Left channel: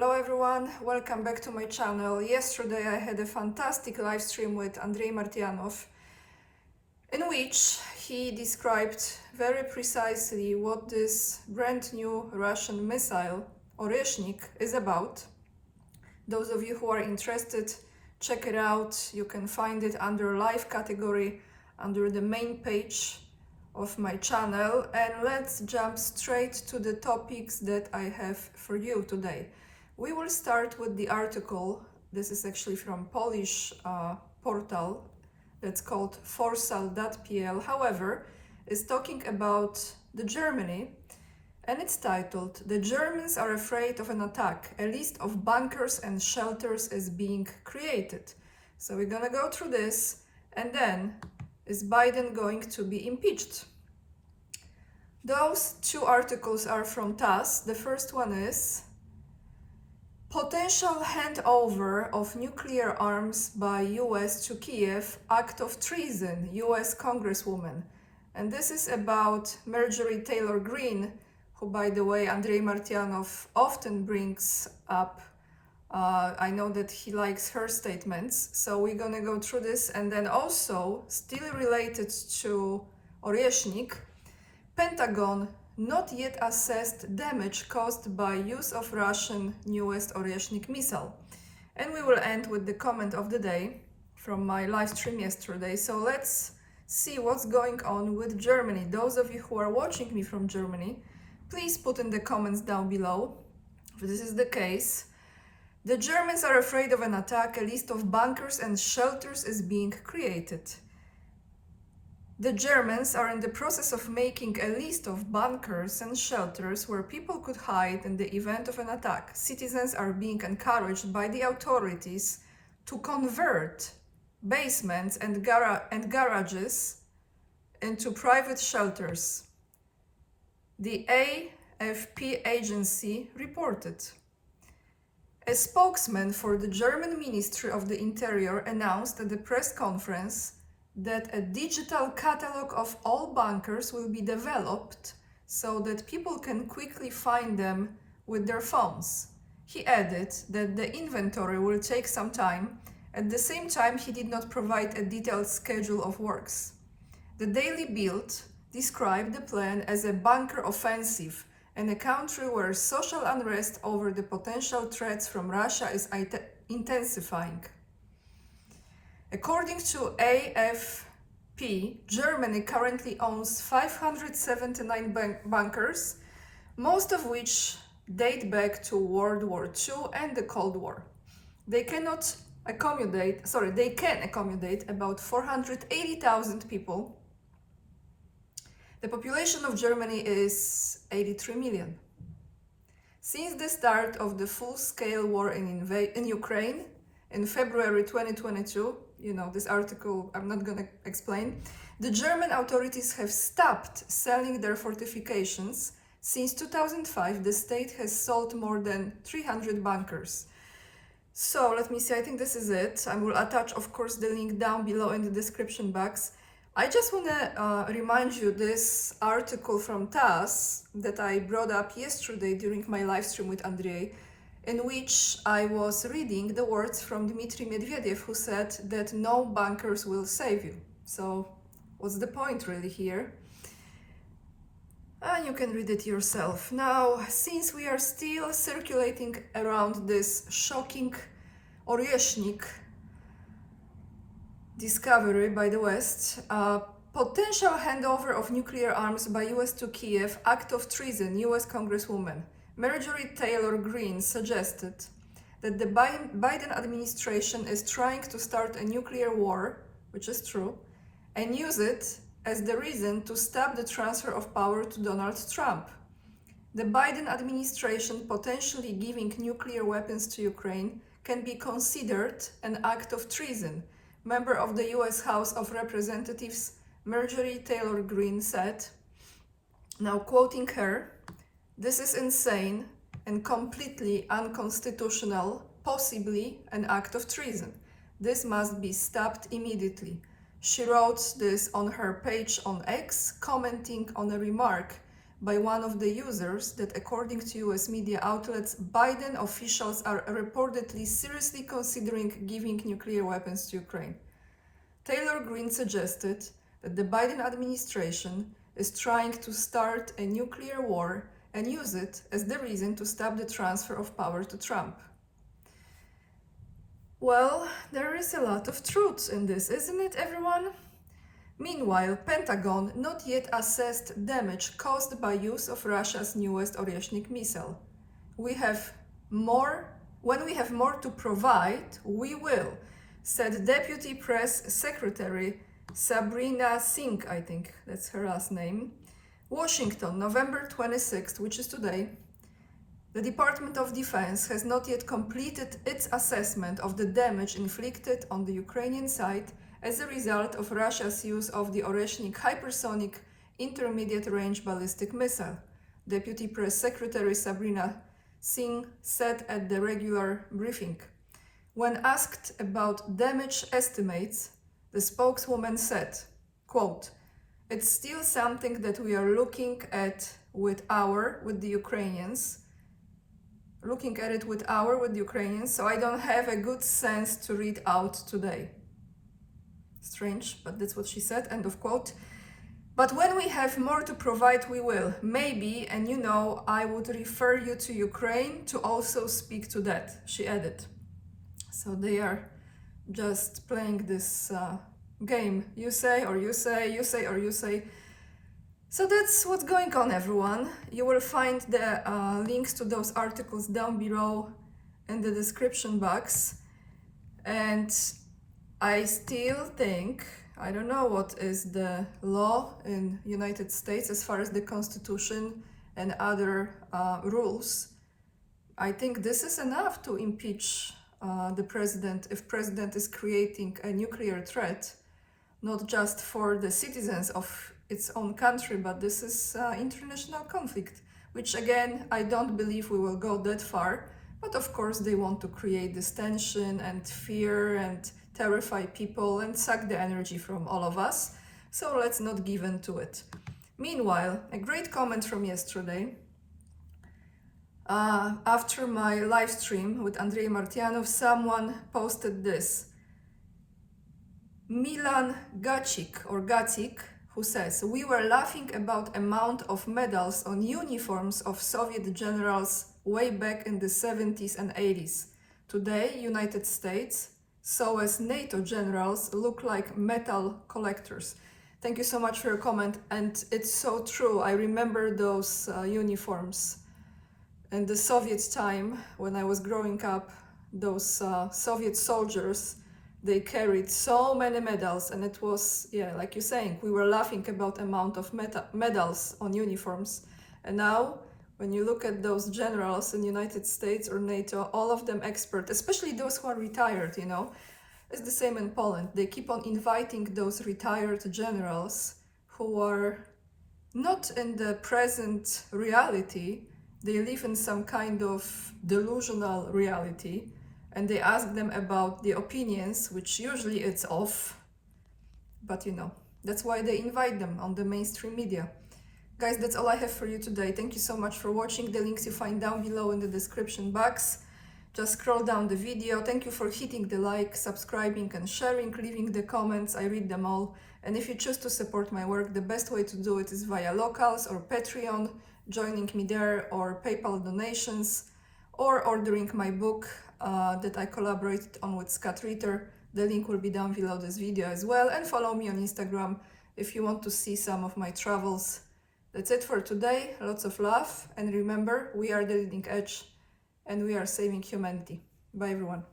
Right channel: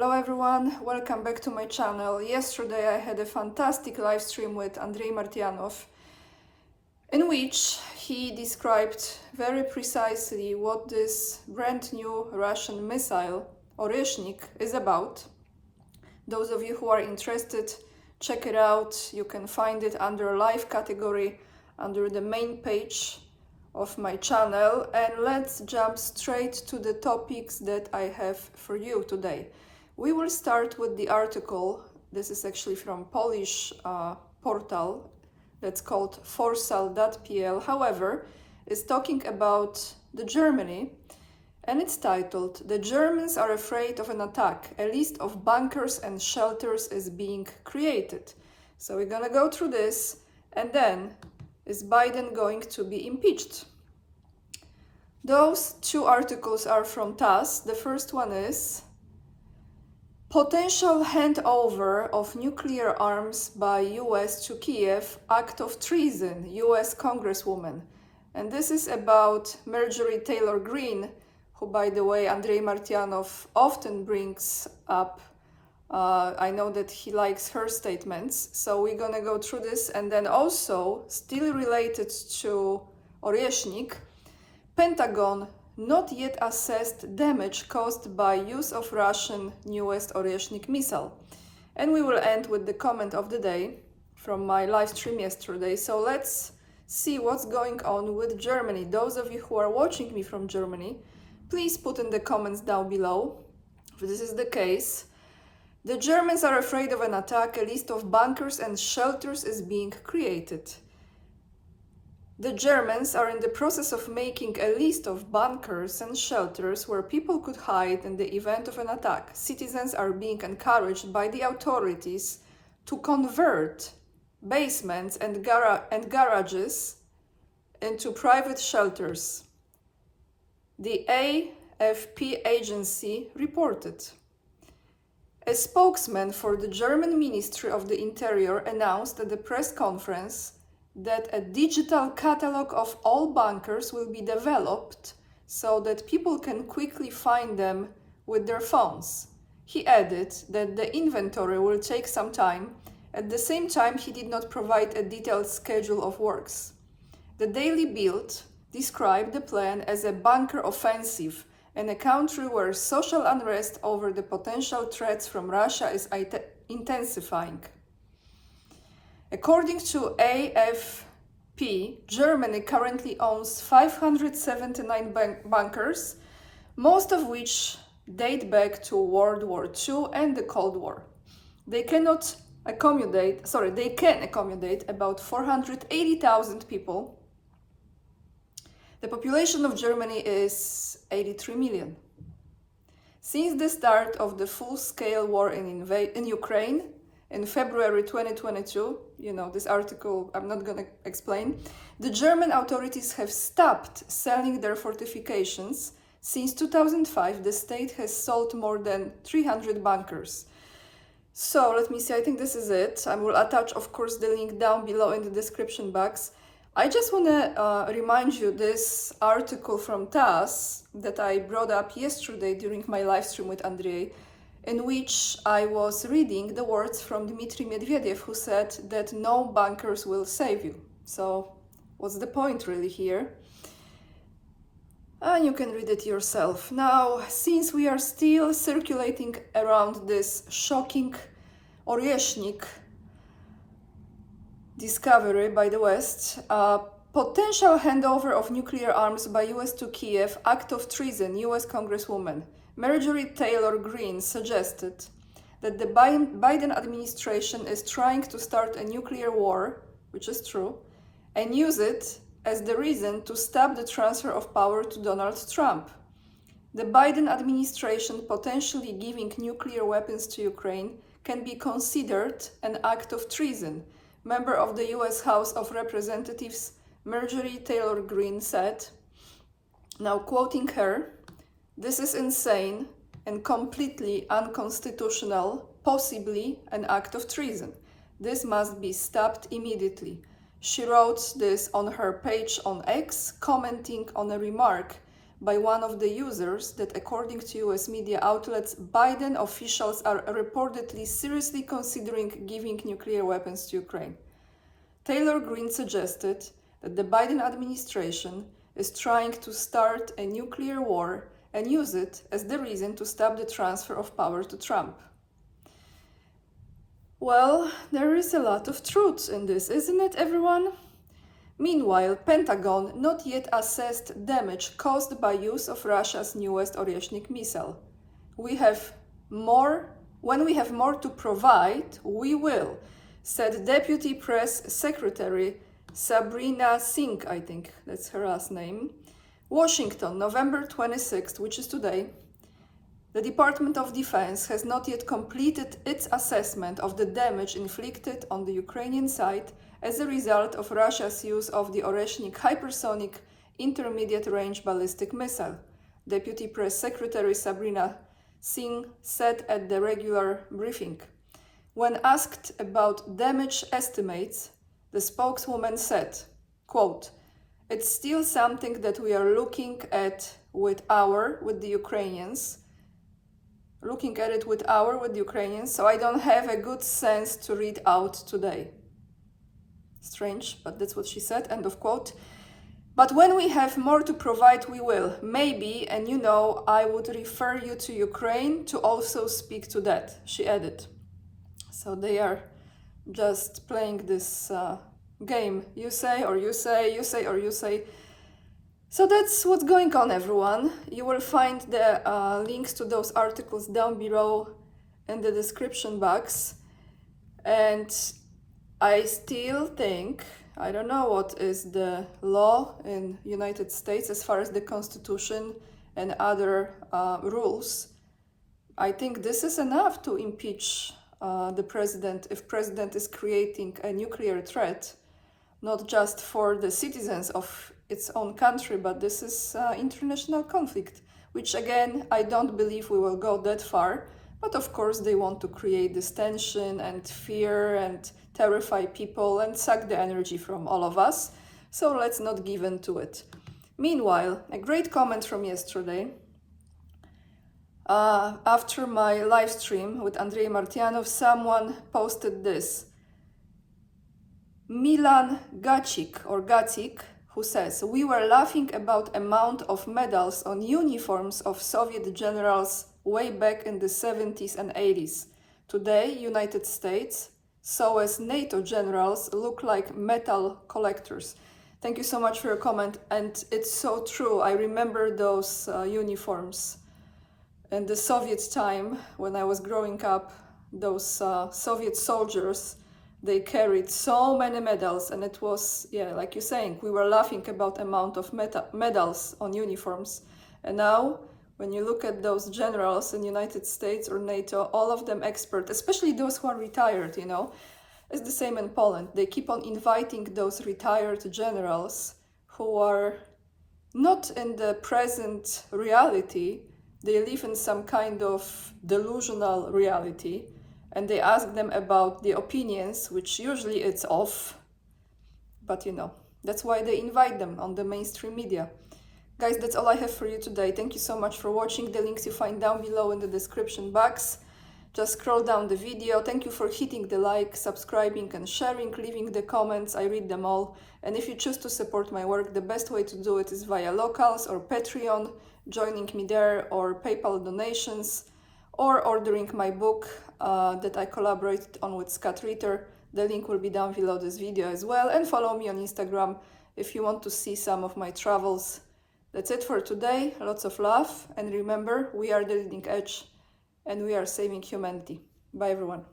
Hello everyone, welcome back to my channel. Yesterday I had a fantastic live stream with Andrei Martyanov in which he described very precisely what this brand new Russian missile, Oryshnik, is about. Those of you who are interested, check it out. You can find it under live category under the main page of my channel, and let's jump straight to the topics that I have for you today. We will start with the article. This is actually from Polish portal that's called forsal.pl. However, it's talking about the Germany, and it's titled, "The Germans are afraid of an attack. A list of bunkers and shelters is being created." So we're gonna go through this, and then is Biden going to be impeached? Those two articles are from TASS. The first one is potential handover of nuclear arms by US to Kiev, act of treason, US Congresswoman. And this is about Marjorie Taylor Greene, who, by the way, Andrei Martyanov often brings up. I know that he likes her statements. So we're gonna go through this, and then also, still related to Oryshnik, Pentagon not yet assessed damage caused by use of Russian newest Oryshnik missile. And we will end with the comment of the day from my live stream yesterday. So let's see what's going on with Germany. Those of you who are watching me from Germany, please put in the comments down below if this is the case. The Germans are afraid of an attack. A list of bunkers and shelters is being created. The Germans are in the process of making a list of bunkers and shelters where people could hide in the event of an attack. Citizens are being encouraged by the authorities to convert basements and garages into private shelters, the AFP agency reported. A spokesman for the German Ministry of the Interior announced at the press conference that a digital catalog of all bunkers will be developed so that people can quickly find them with their phones. He added that the inventory will take some time. At the same time, he did not provide a detailed schedule of works. The Daily Bild described the plan as a bunker offensive in a country where social unrest over the potential threats from Russia is intensifying. According to AFP, Germany currently owns 579 bunkers, most of which date back to World War II and the Cold War. They can accommodate about 480,000 people. The population of Germany is 83 million. Since the start of the full-scale war in Ukraine in February 2022, this article I'm not going to explain, the German authorities have stopped selling their fortifications. Since 2005, the state has sold more than 300 bunkers. So let me see, I think this is it. I will attach, of course, the link down below in the description box. I just want to remind you this article from TASS that I brought up yesterday during my live stream with Andrei, in which I was reading the words from Dmitry Medvedev, who said that no bunkers will save you. So what's the point really here? And you can read it yourself. Now, since we are still circulating around this shocking Oryshnik discovery by the West, potential handover of nuclear arms by US to Kiev, act of treason, US Congresswoman Marjorie Taylor Greene suggested that the Biden administration is trying to start a nuclear war, which is true, and use it as the reason to stop the transfer of power to Donald Trump. The Biden administration potentially giving nuclear weapons to Ukraine can be considered an act of treason, member of the US House of Representatives Marjorie Taylor Greene said. Now quoting her, "This is insane and completely unconstitutional, possibly an act of treason. This must be stopped immediately." She wrote this on her page on X, commenting on a remark by one of the users that, according to US media outlets, Biden officials are reportedly seriously considering giving nuclear weapons to Ukraine. Taylor Greene suggested that the Biden administration is trying to start a nuclear war and use it as the reason to stop the transfer of power to Trump. Well, there is a lot of truth in this, isn't it, everyone? Meanwhile, Pentagon not yet assessed damage caused by use of Russia's newest Oryeshnik missile. When we have more to provide, we will, said Deputy Press Secretary Sabrina Singh, I think that's her last name. Washington, November 26th, which is today. The Department of Defense has not yet completed its assessment of the damage inflicted on the Ukrainian side as a result of Russia's use of the Oryeshnik hypersonic intermediate-range ballistic missile, Deputy Press Secretary Sabrina Singh said at the regular briefing. When asked about damage estimates, the spokeswoman said, quote, "It's still something that we are looking at with the Ukrainians, so I don't have a good sense to read out today." Strange, but that's what she said, end of quote. But when we have more to provide, we will. Maybe, and I would refer you to Ukraine to also speak to that, she added. So they are just playing this game. You say, or you say, you say, or you say. So that's what's going on, everyone. You will find the links to those articles down below in the description box. And I still think, I don't know what is the law in United States as far as the Constitution and other rules. I think this is enough to impeach the president if president is creating a nuclear threat, not just for the citizens of its own country, but this is international conflict, which again, I don't believe we will go that far. But of course, they want to create this tension and fear and terrify people and suck the energy from all of us. So let's not give in to it. Meanwhile, a great comment from yesterday. After my live stream with Andrei Martyanov, someone posted this. Milan Gacik, who says, "We were laughing about amount of medals on uniforms of Soviet generals way back in the 70s and 80s. Today, United States, so as NATO generals look like metal collectors." Thank you so much for your comment, and it's so true. I remember those uniforms. In the Soviet time, when I was growing up, those Soviet soldiers, they carried so many medals, and it was, like you're saying, we were laughing about amount of medals on uniforms. And now, when you look at those generals in the United States or NATO, all of them expert, especially those who are retired, it's the same in Poland. They keep on inviting those retired generals who are not in the present reality. They live in some kind of delusional reality, and they ask them about the opinions, which usually it's off. But that's why they invite them on the mainstream media. Guys, that's all I have for you today. Thank you so much for watching. The links you find down below in the description box. Just scroll down the video. Thank you for hitting the like, subscribing and sharing, leaving the comments. I read them all. And if you choose to support my work, the best way to do it is via Locals or Patreon, joining me there, or PayPal donations, or ordering my book that I collaborated on with Scott Ritter. The link will be down below this video as well. And follow me on Instagram if you want to see some of my travels. That's it for today. Lots of love. And remember, we are the leading edge and we are saving humanity. Bye, everyone.